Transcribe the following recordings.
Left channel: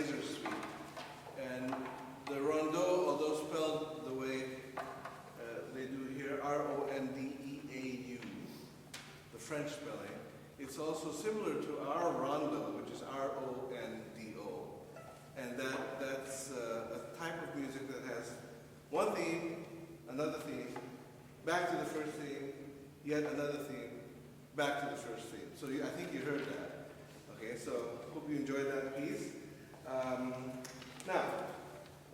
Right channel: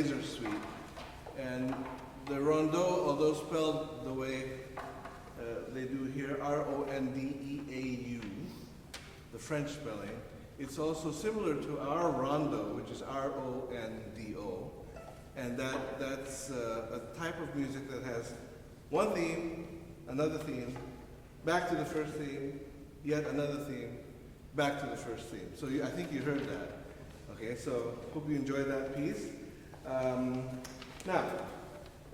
Laser Suite. And the rondeau, although spelled the way they do here, R-O-N-D-E-A-U, the French spelling, it's also similar to our rondo, which is R-O-N-D-O. And that's a type of music that has one theme, another theme, back to the first theme, yet another theme, back to the first theme. So I think you heard that. Okay, so hope you enjoyed that piece. Now,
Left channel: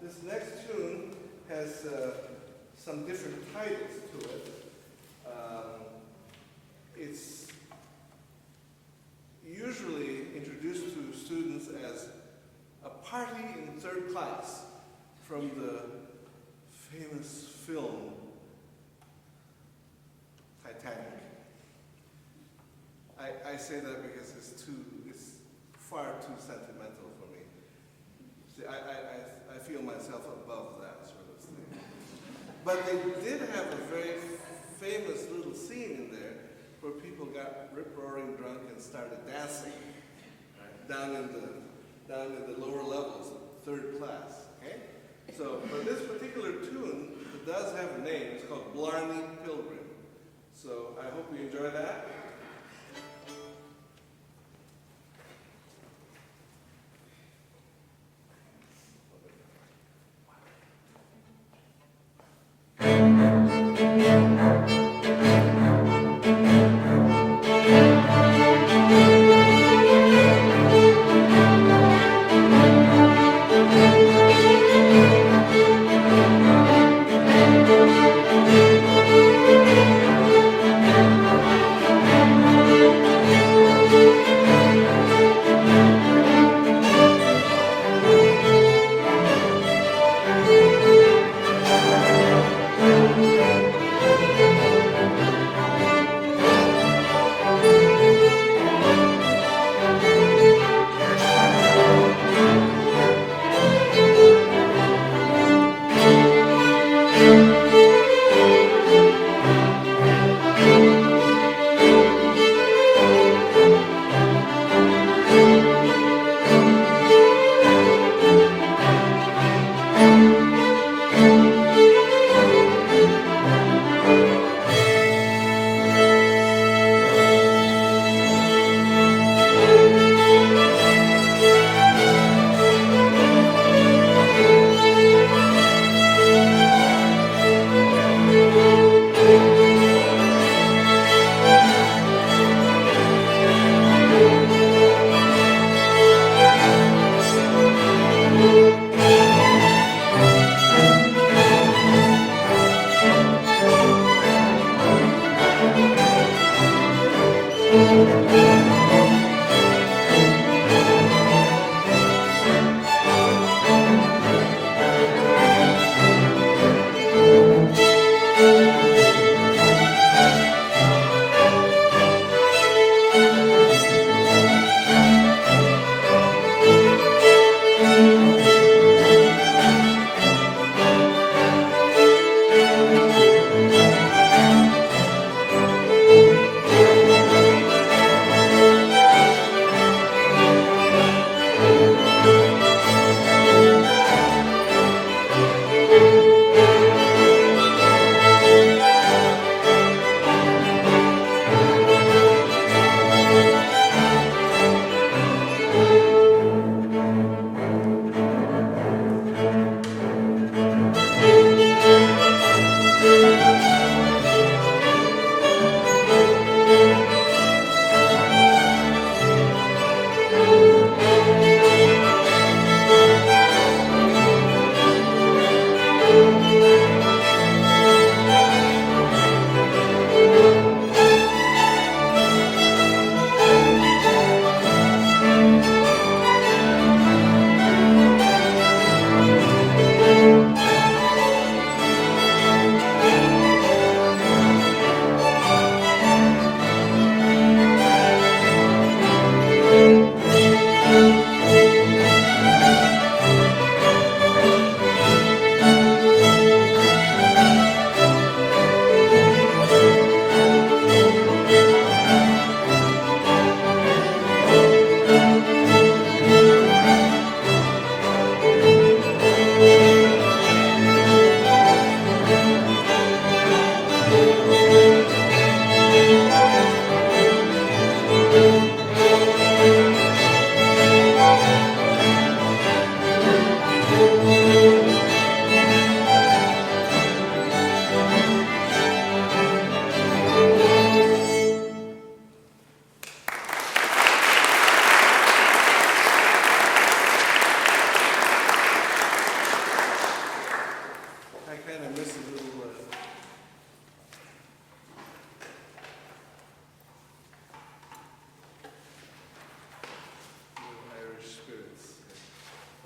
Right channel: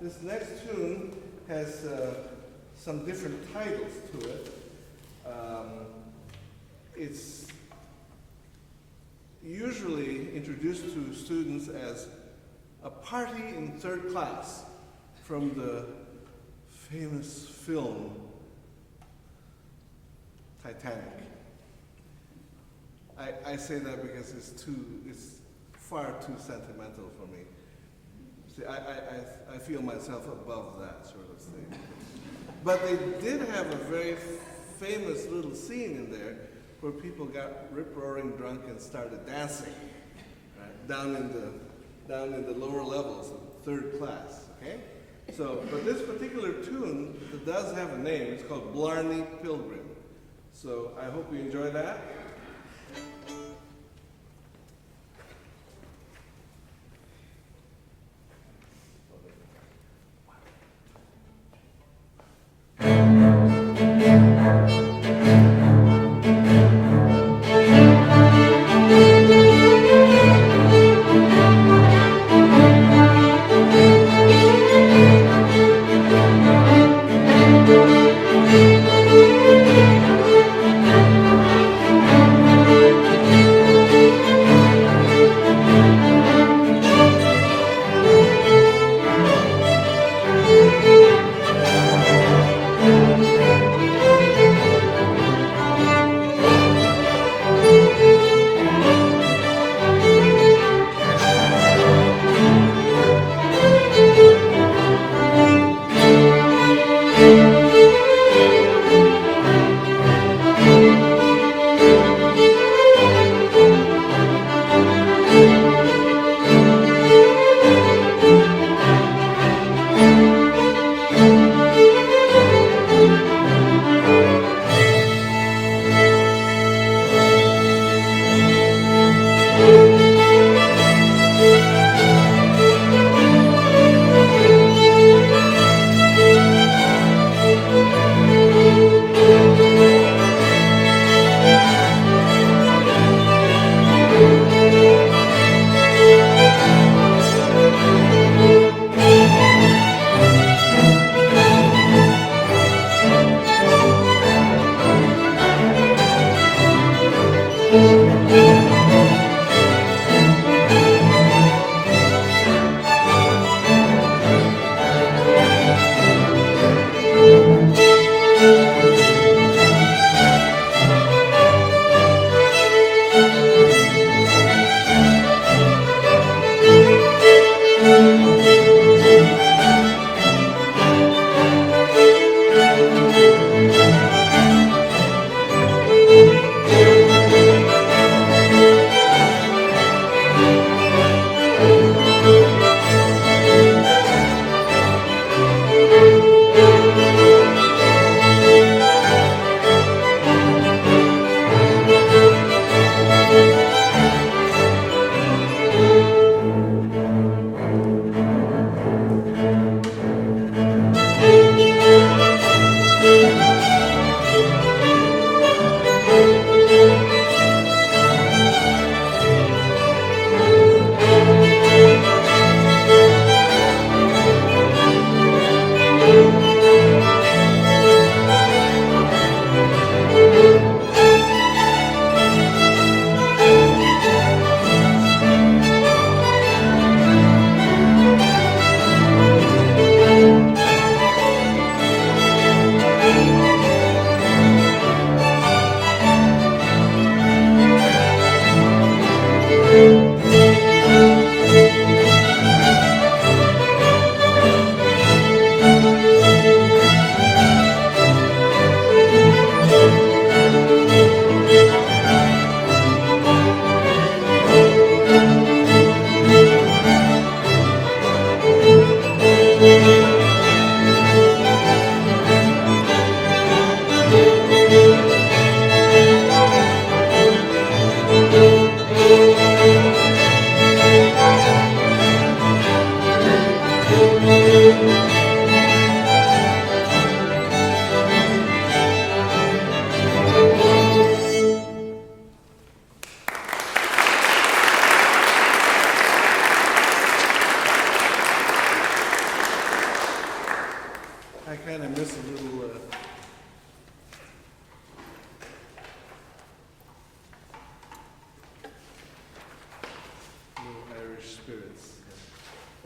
this next tune has some different titles to it. It's usually introduced to students as a party in third class from the famous film Titanic. I say that because it's far too sentimental for me. See, I feel myself above that sort of thing. But they did have a very famous little scene in there where people got rip-roaring drunk and started dancing, right? down in the lower levels of third class. Okay? So, but this particular tune, it does have a name. It's called Blarney Pilgrim. So I hope you enjoy that.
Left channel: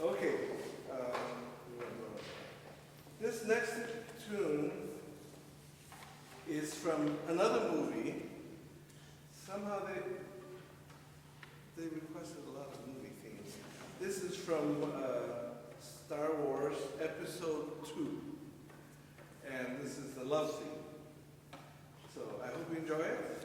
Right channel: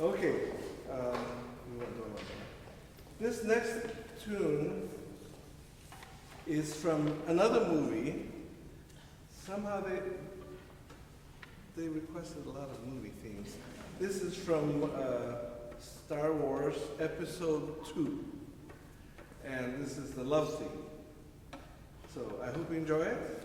Okay. We won't go on. This next tune is from another movie. Somehow they requested a lot of movie themes. This is from Star Wars Episode 2. And this is the love theme. So I hope you enjoy it.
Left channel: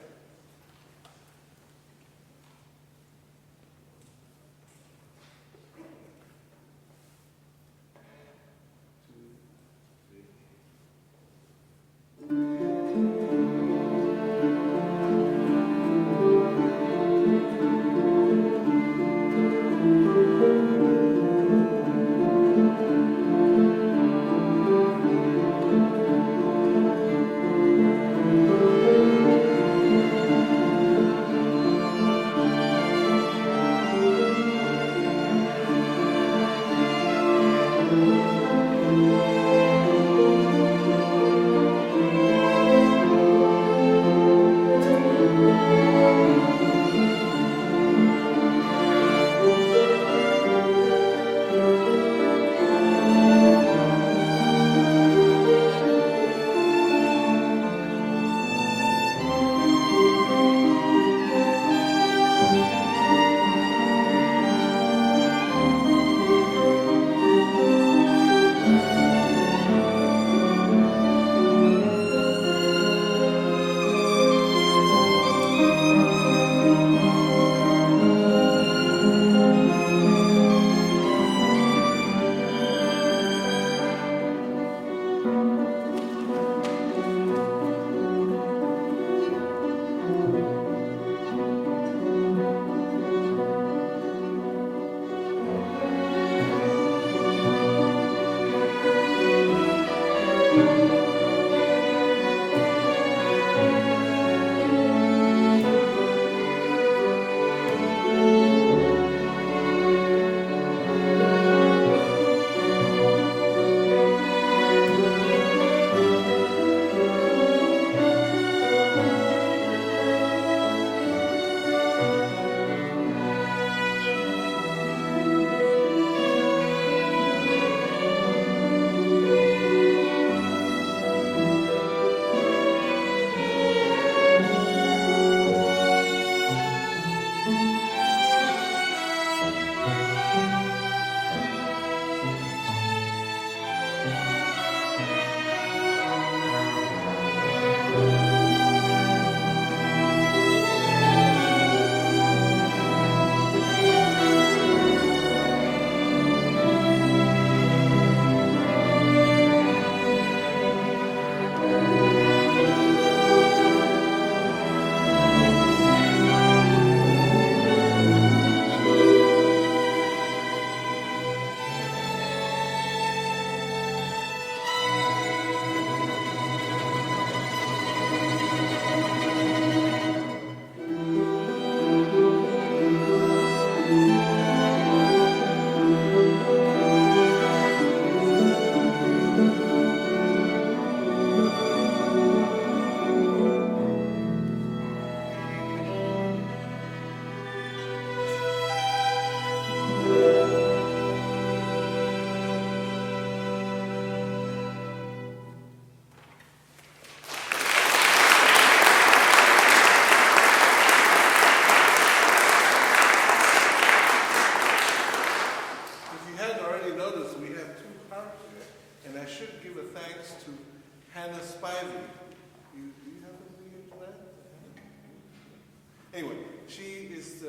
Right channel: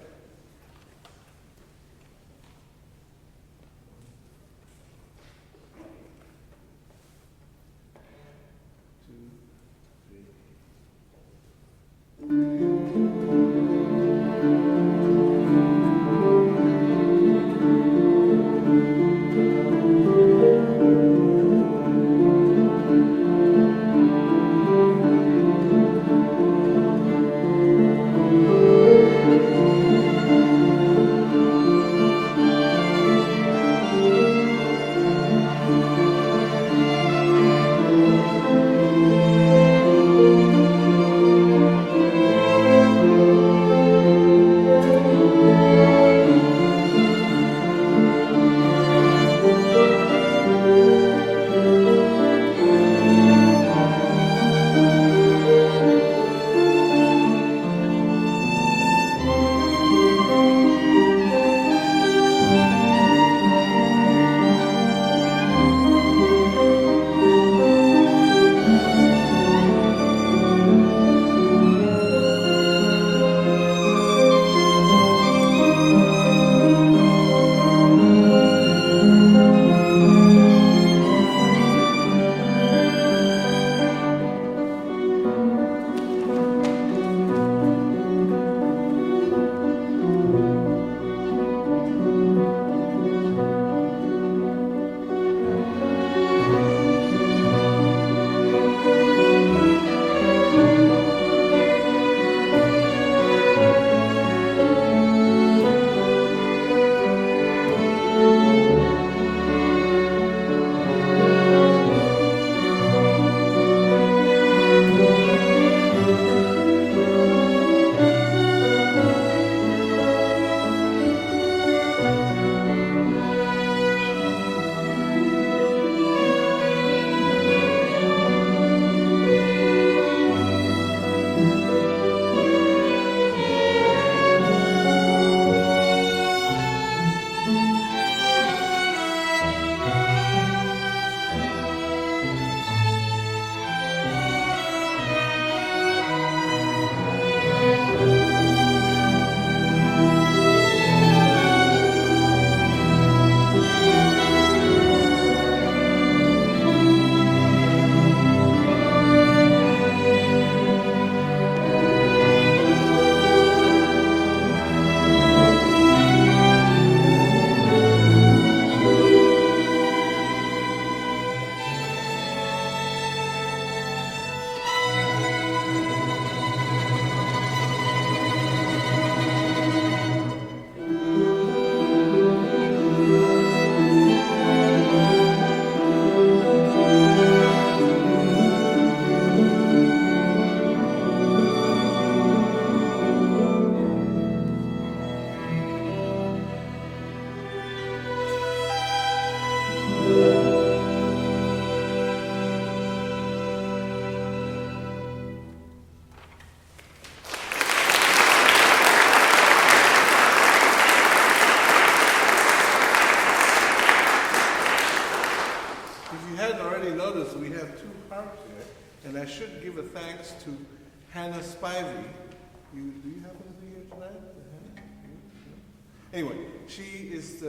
Anyway, she is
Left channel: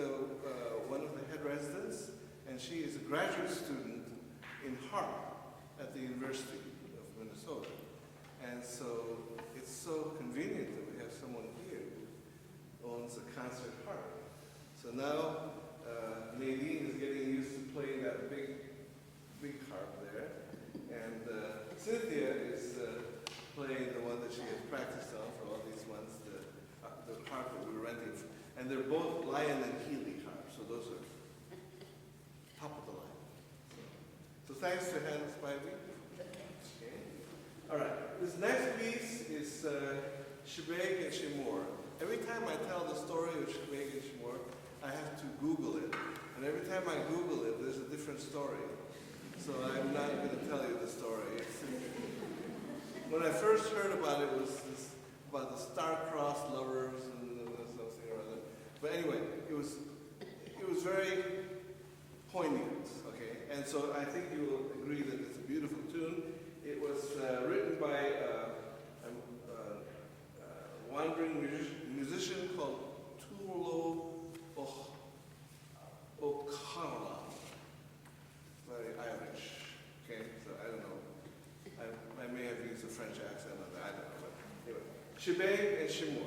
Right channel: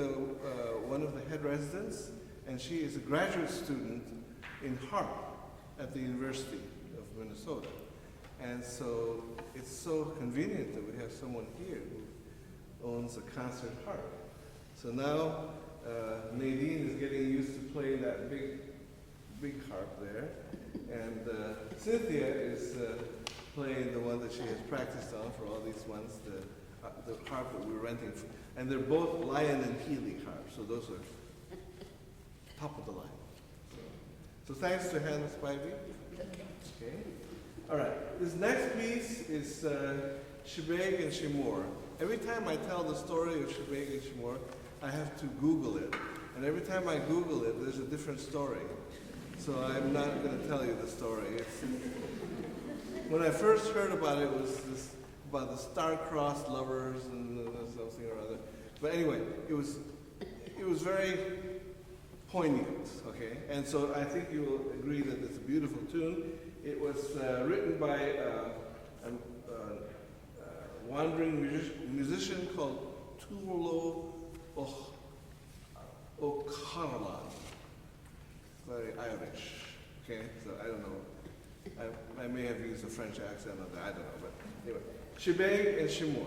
one of the head residents, and she is a graduate student in harp at the University of Minnesota. And so it's so convenient that we have someone here who owns a concert harp. So now Nadine is getting used to playing that big harp there, and Cynthia is playing the one that she has practiced on for all these months, the harp that we rented. And they're both Lion and Healy harps, so those are top of the line. So thanks to Hannah Spivey. Okay. All right, this next piece is Shebeg and Shemor. Every time I tell the story of Shebeg and Shemor, I have to Google it. And every time I Google it, there's a different story. So I'm not going to tell you the story. When I first heard about it, it was about the star-crossed lovers and something or other. But anyway, it was very poignant, okay? And so I think you will agree that it's a beautiful tune. It was written by a wandering musician called Tulo O'Connell. Very Irish, okay? So I don't know. I may have used a French accent on that, I don't know. But anyway, Shebang and Shemor.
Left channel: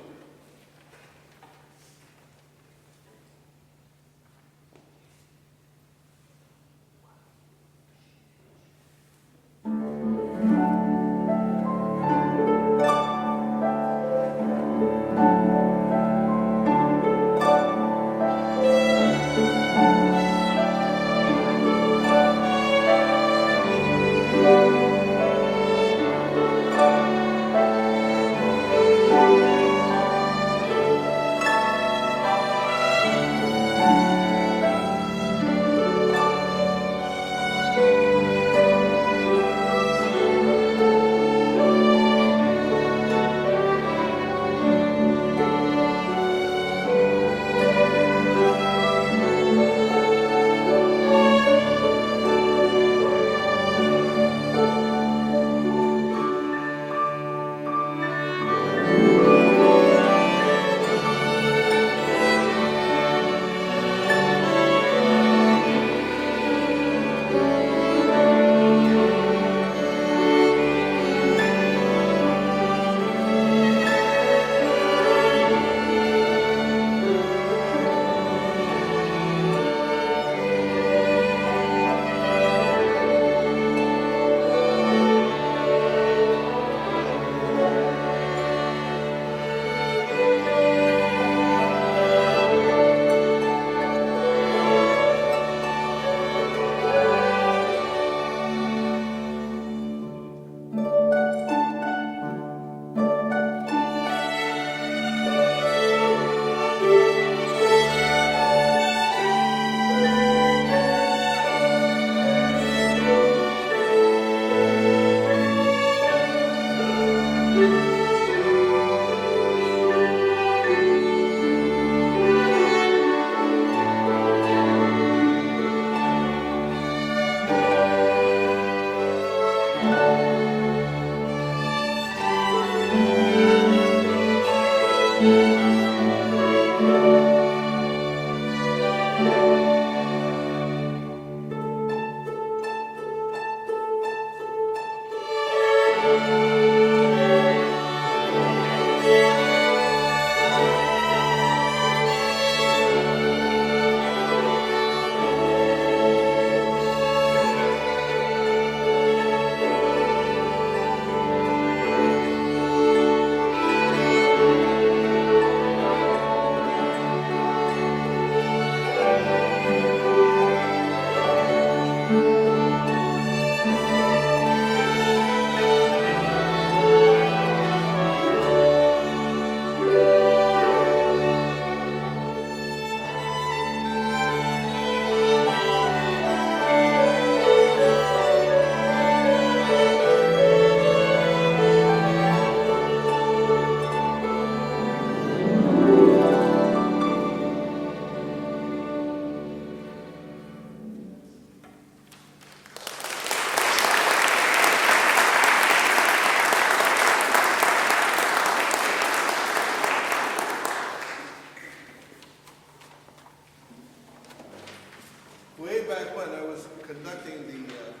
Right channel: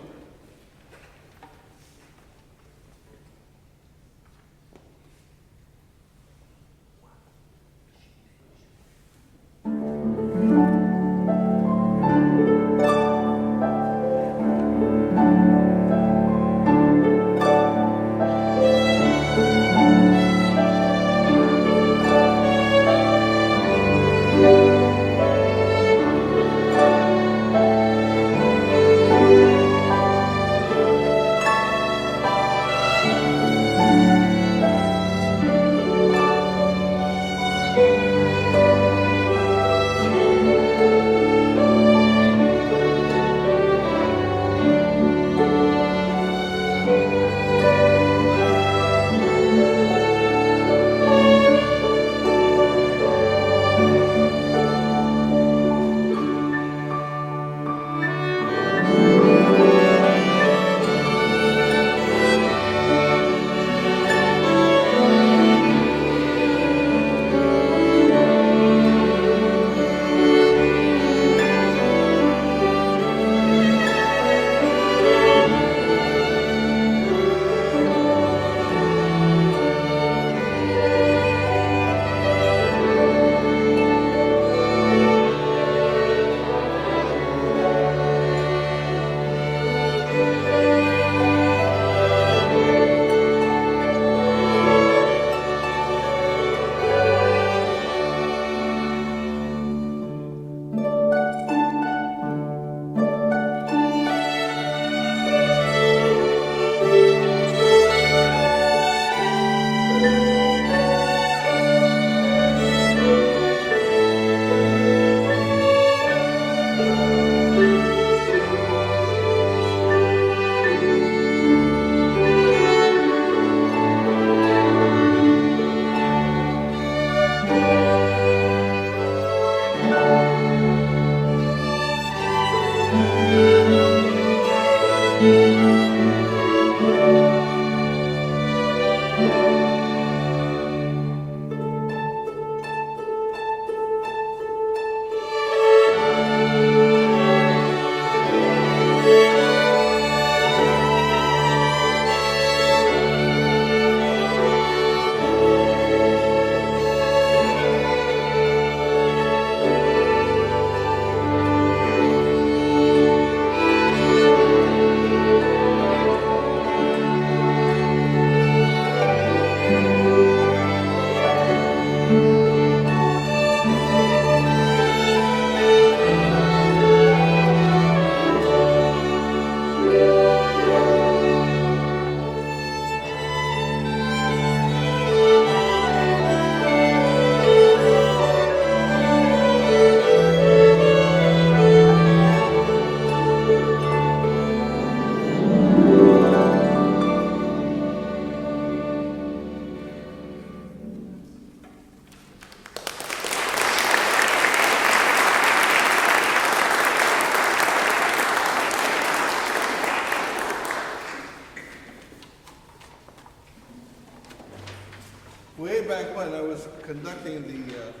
Way back when I was conducting the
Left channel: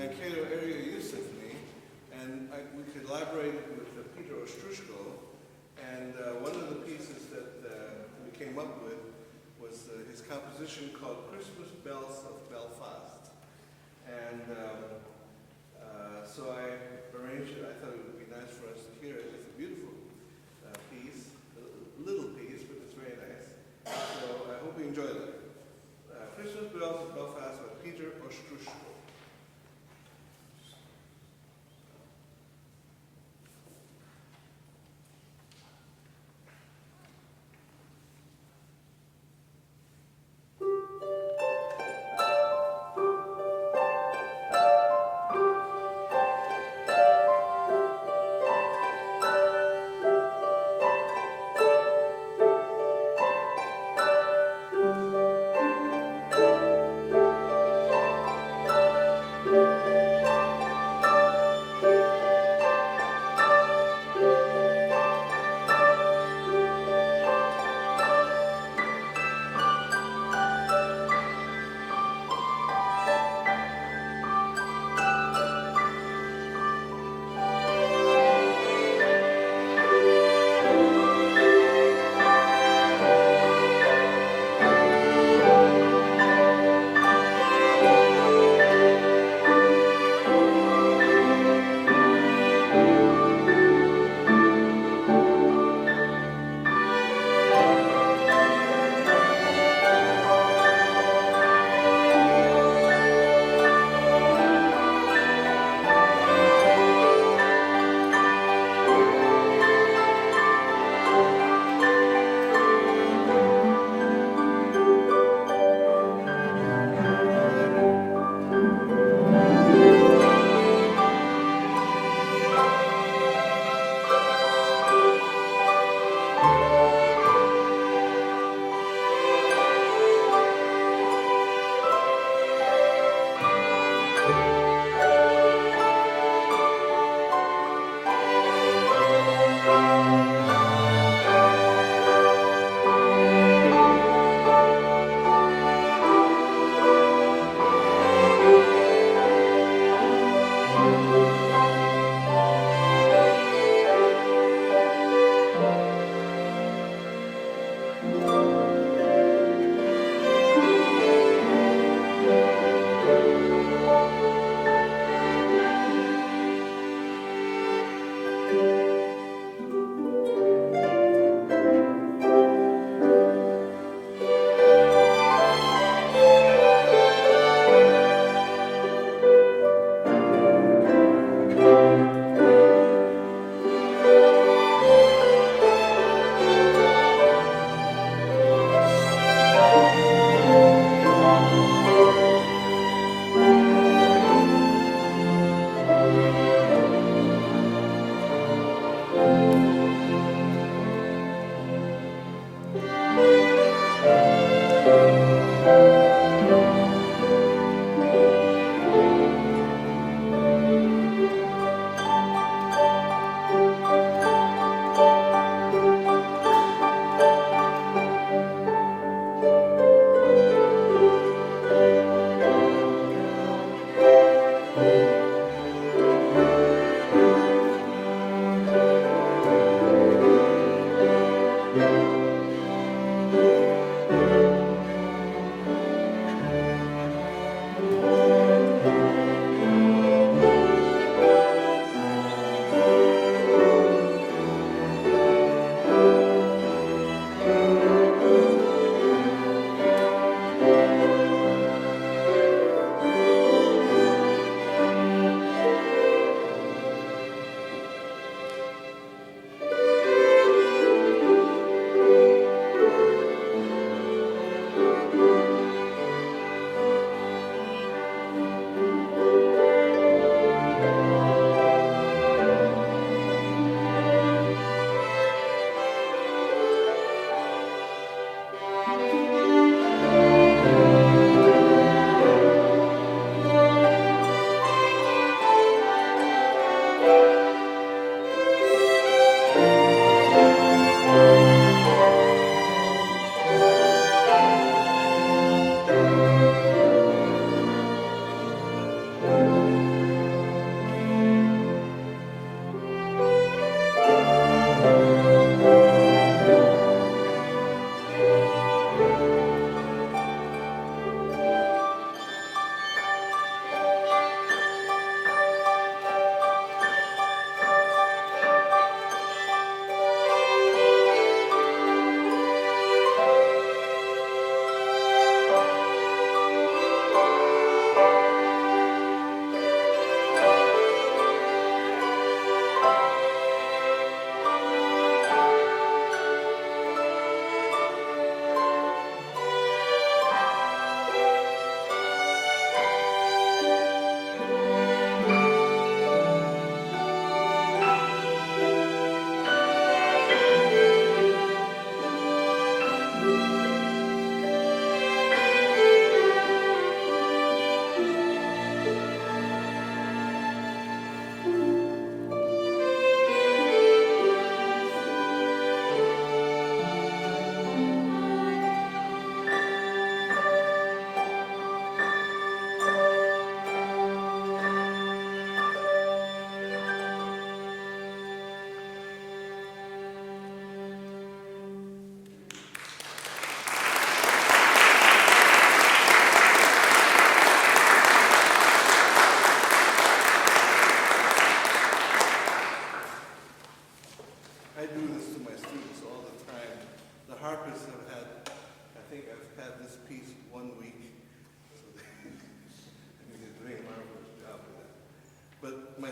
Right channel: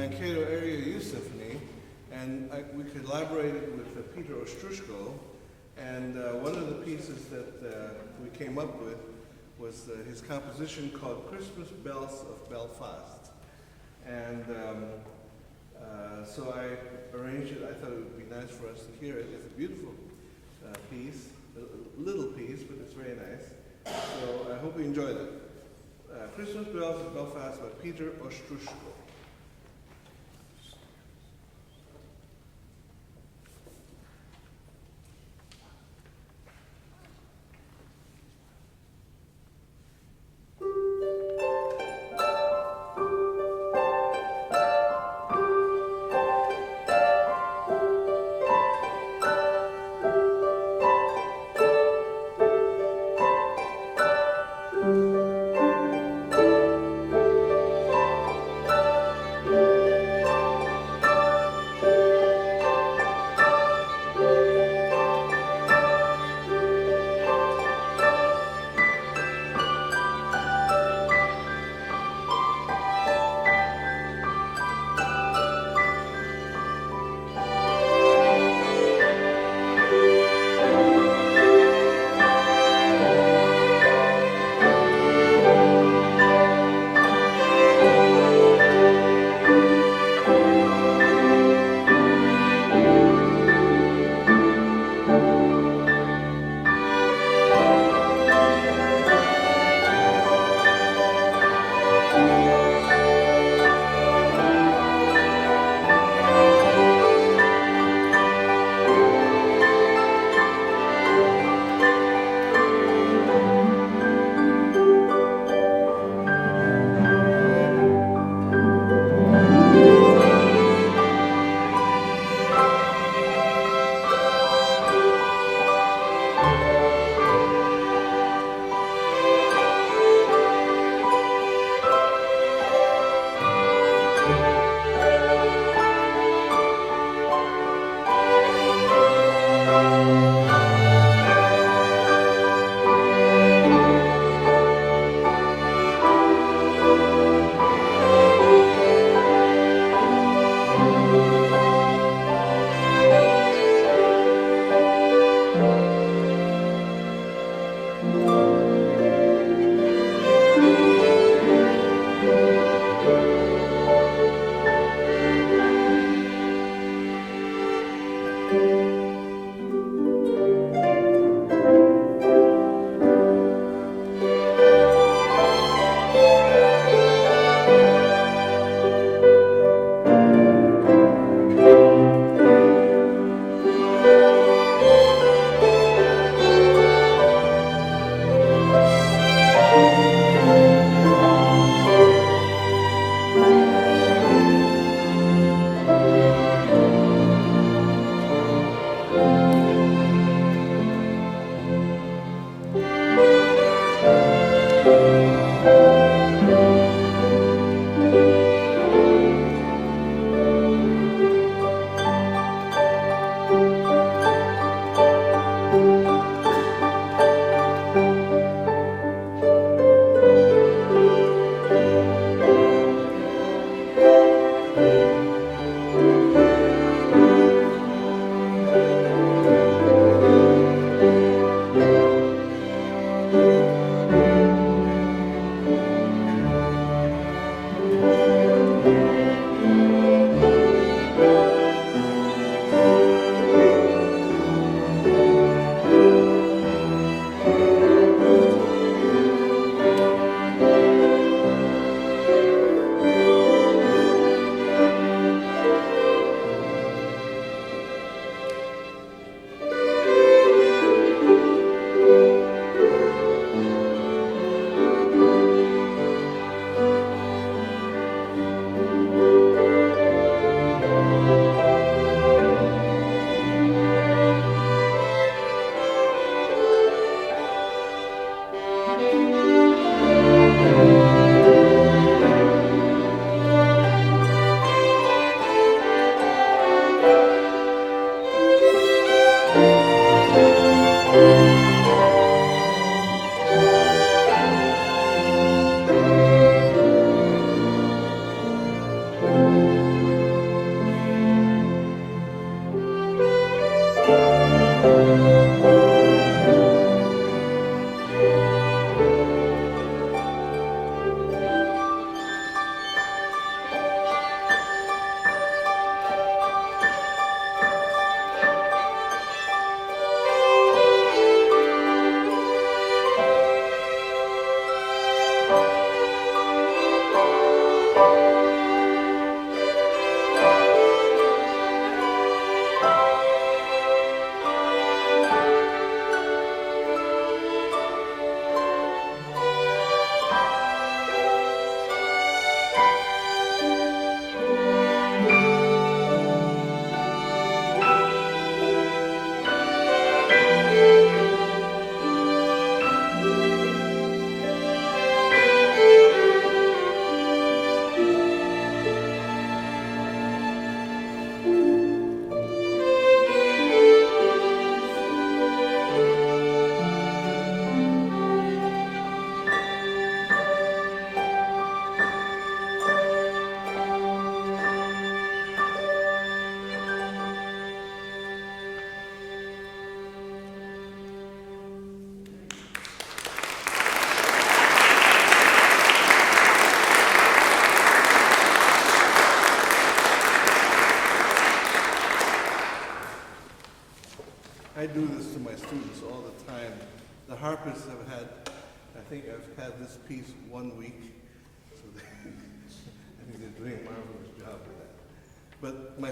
Mankato Area Youth Symphony, and we collaborated with Peter Ostrushko, and one of the pieces that we came up with was his composition called Christmas Bells of Belfast. And so I arranged it. I thought it would be nice for us to hear it. It's a beautiful piece, a little piece, but it's very nice. So I hope you enjoyed it. Christmas Bells of Belfast by Peter Ostrushko.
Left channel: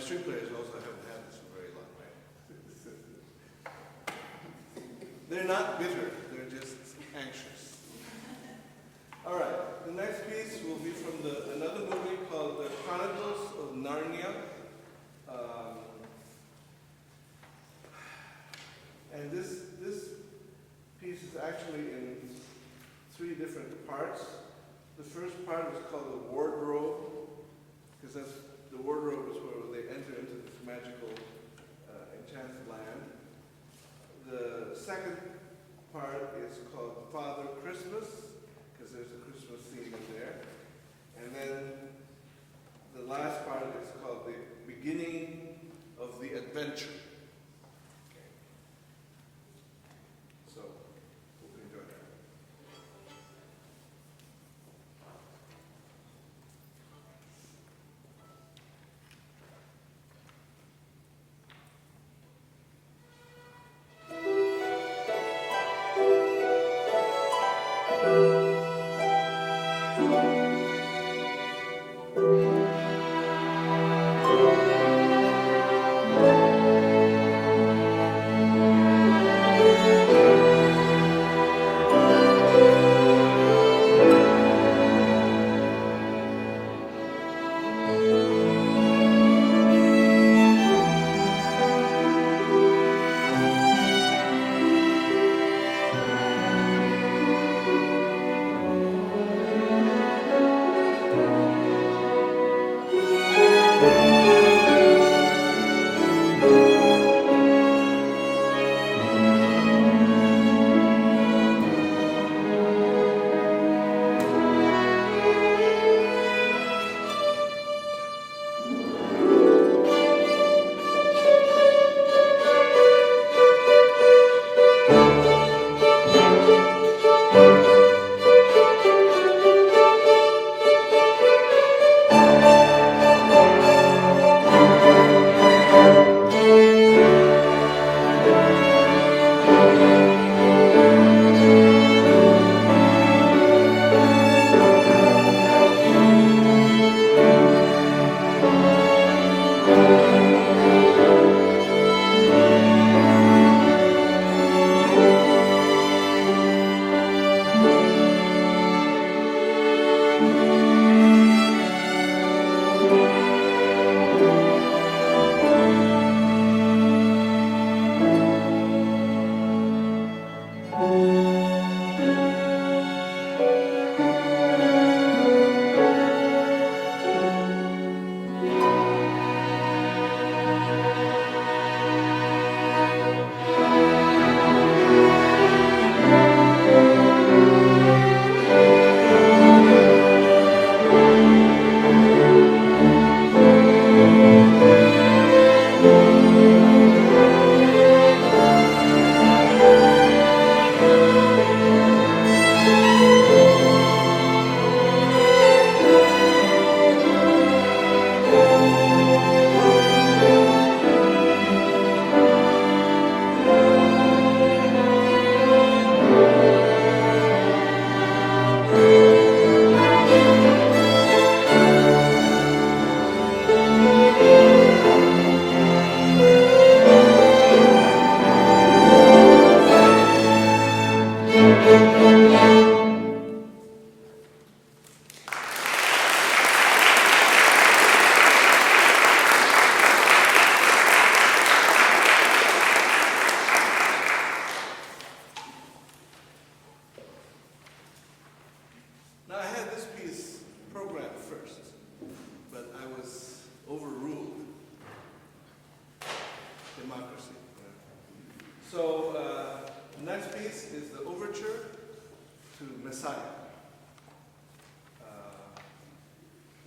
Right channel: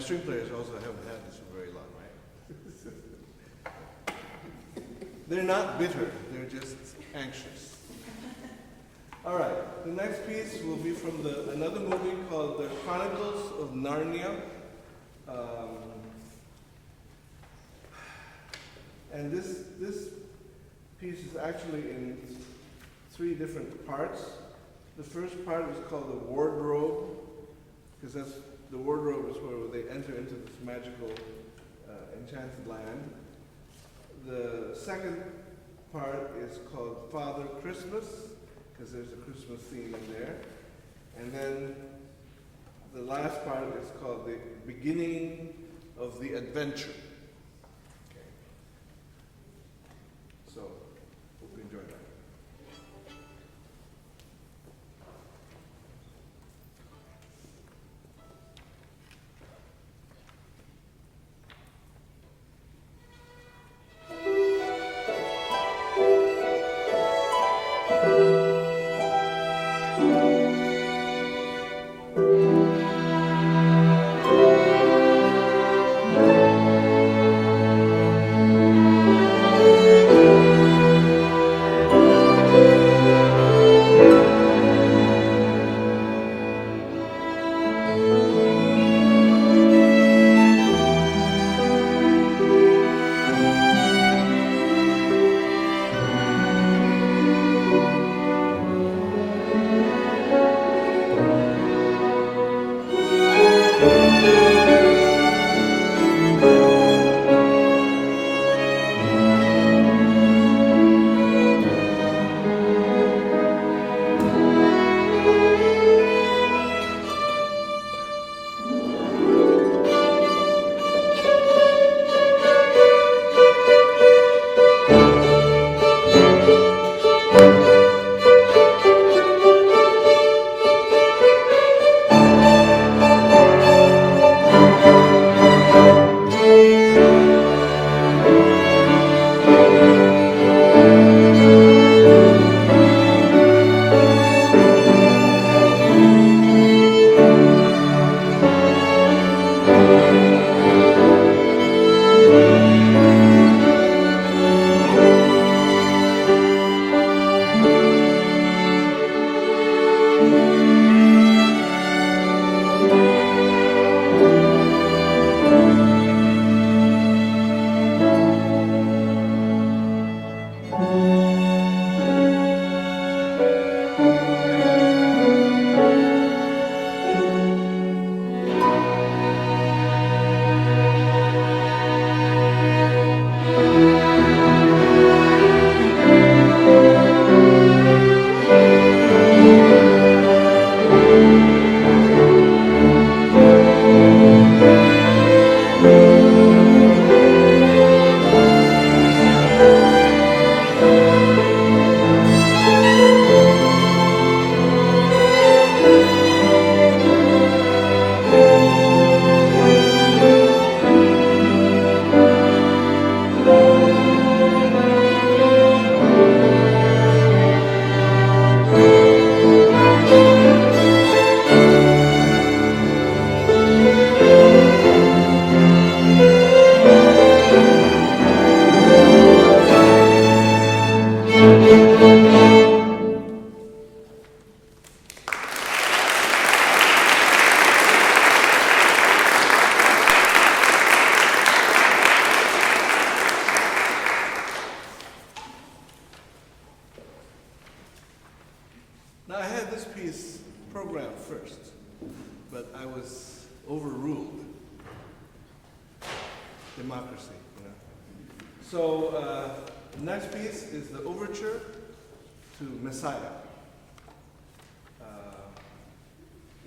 string players also haven't had this for very long, right? They're not bitter, they're just anxious. All right, the next piece will be from another movie called The Chronicles of Narnia. And this piece is actually in 3 different parts. The first part is called the wardrobe, because the wardrobe is where they enter into this magical enchanted land. The second part is called Father Christmas, because there's a Christmas theme in there. And then the last part is called the beginning of the adventure. So, hope you enjoy that.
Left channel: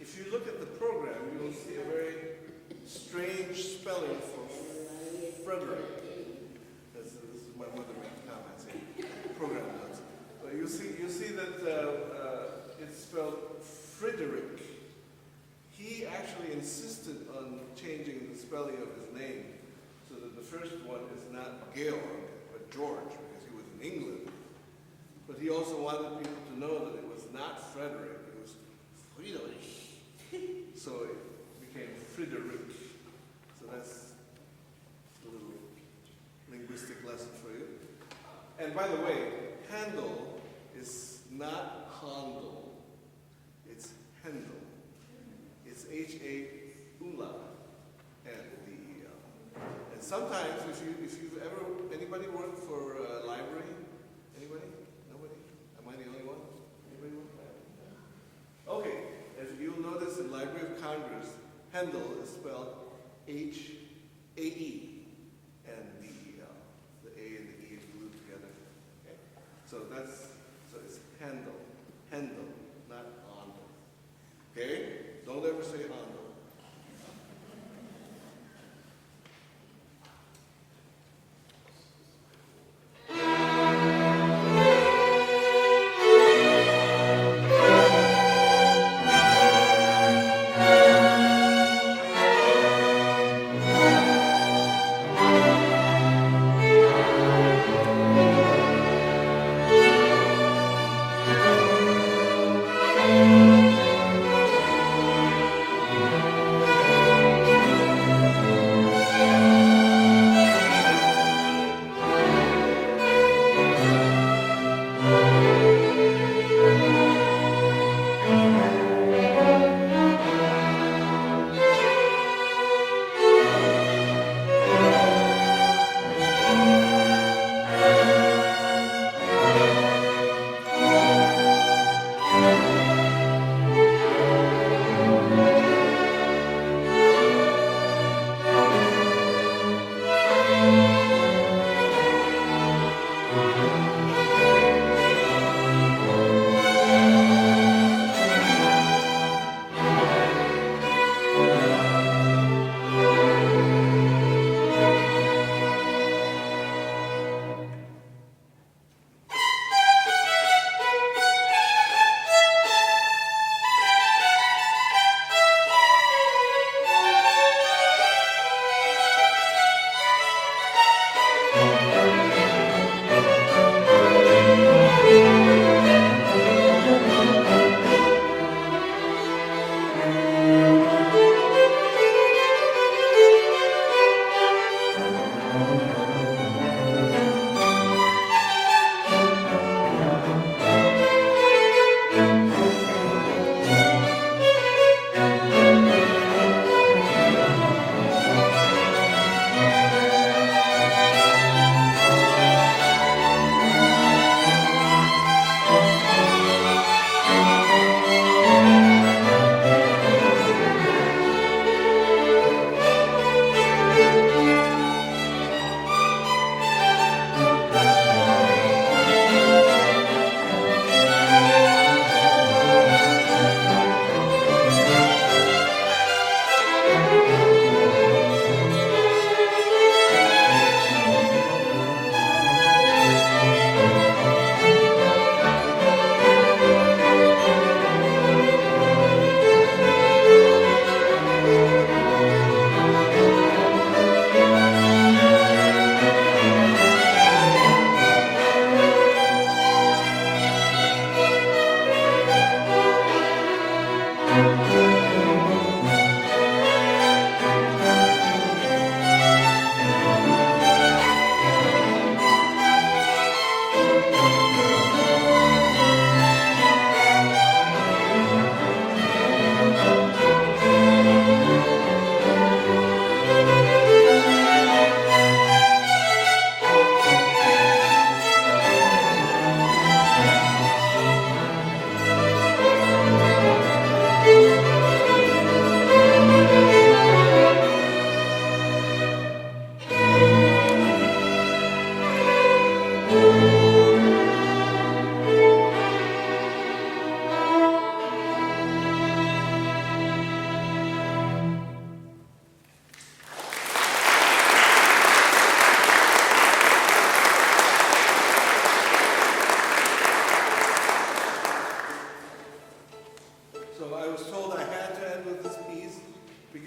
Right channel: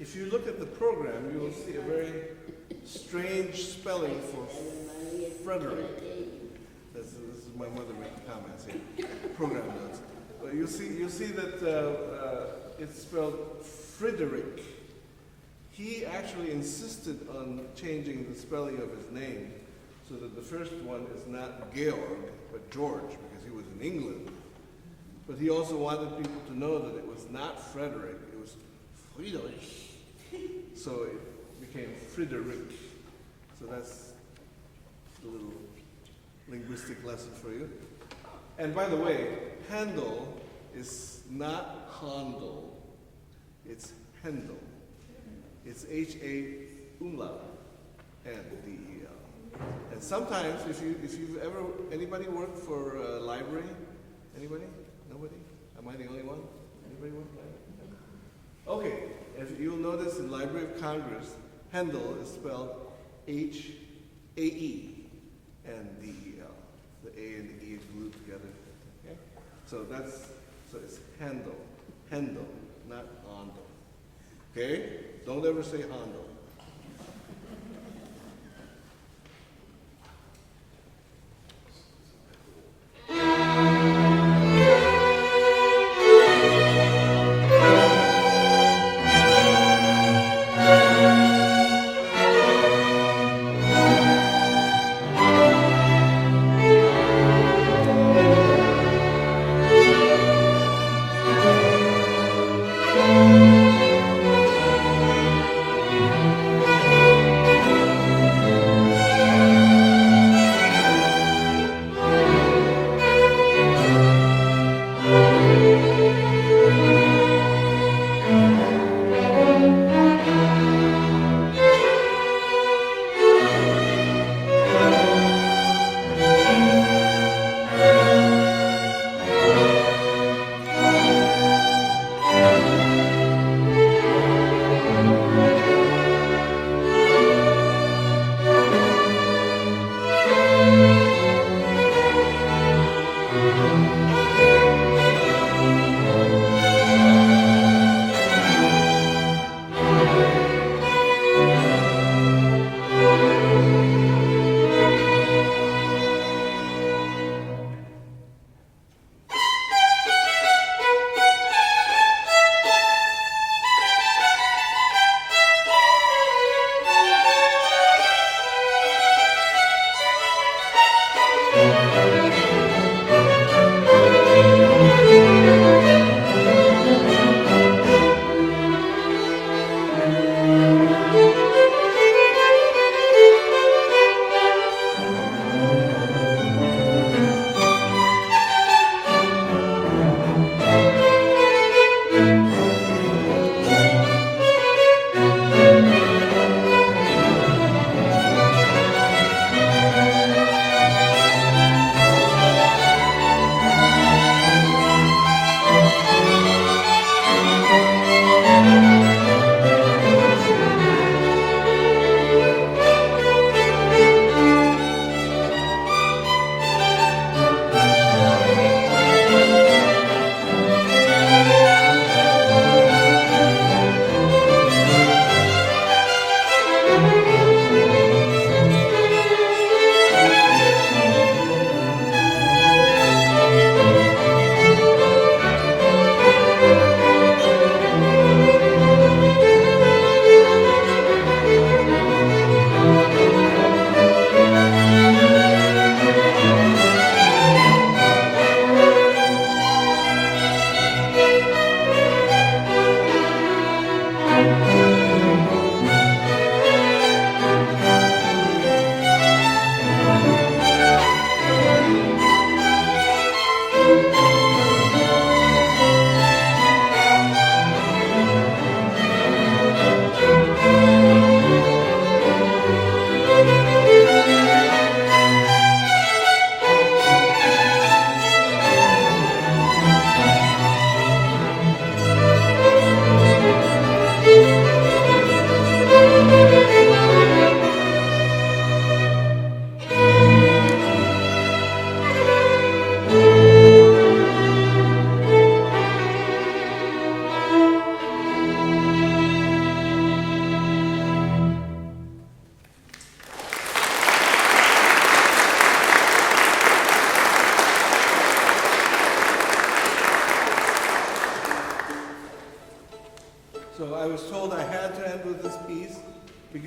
If you look at the program, you will see a very strange spelling for Frederick. This is my mother making comments here. Program notes. You see that it's spelled Frederick. He actually insisted on changing the spelling of his name so that the first one is not Georg, but George, because he was in England. But he also wanted people to know that it was not Frederick, it was Friedrich. So it became Friedrich. So that's a little linguistic lesson for you. And by the way, Handel is not Handel. It's Handel. It's H-A umlaut, N-D-E-L. And sometimes, if you've ever, anybody worked for a library? Anybody? Nobody? Am I the only one? Anybody work for a library? Okay, if you'll notice in Library of Congress, Handel is spelled H-A-E, N-D-E-L. The A and the E glued together. Okay? So it's Handel, not Handel. Okay? Don't ever say Handel.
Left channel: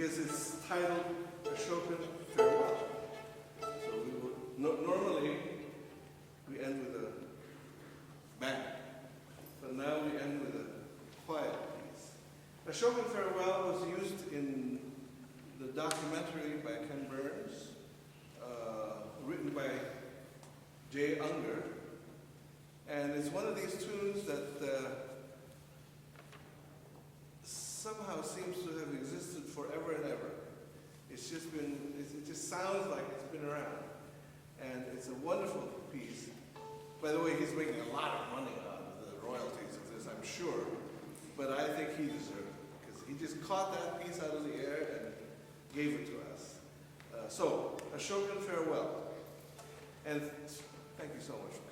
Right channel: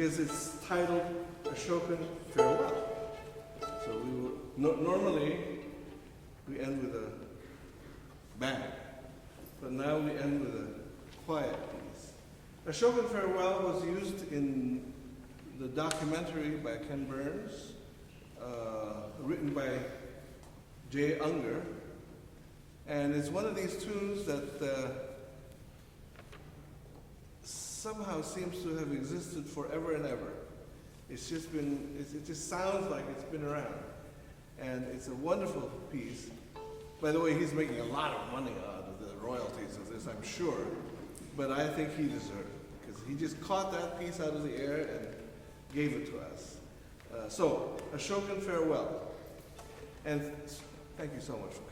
because it's titled Ashokan Farewell. So we would, normally we end with a bang, but now we end with a quiet piece. Ashokan Farewell was used in the documentary by Ken Burns, written by Jay Unger, and it's one of these tunes that somehow seems to have existed forever and ever. It's just been, it just sounds like it's been around. And it's a wonderful piece. By the way, he's making a lot of money out of the royalties of this, I'm sure. But I think he deserved it, because he just caught that piece out of the air and gave it to us. So, Ashokan farewell. And thank you so much for coming.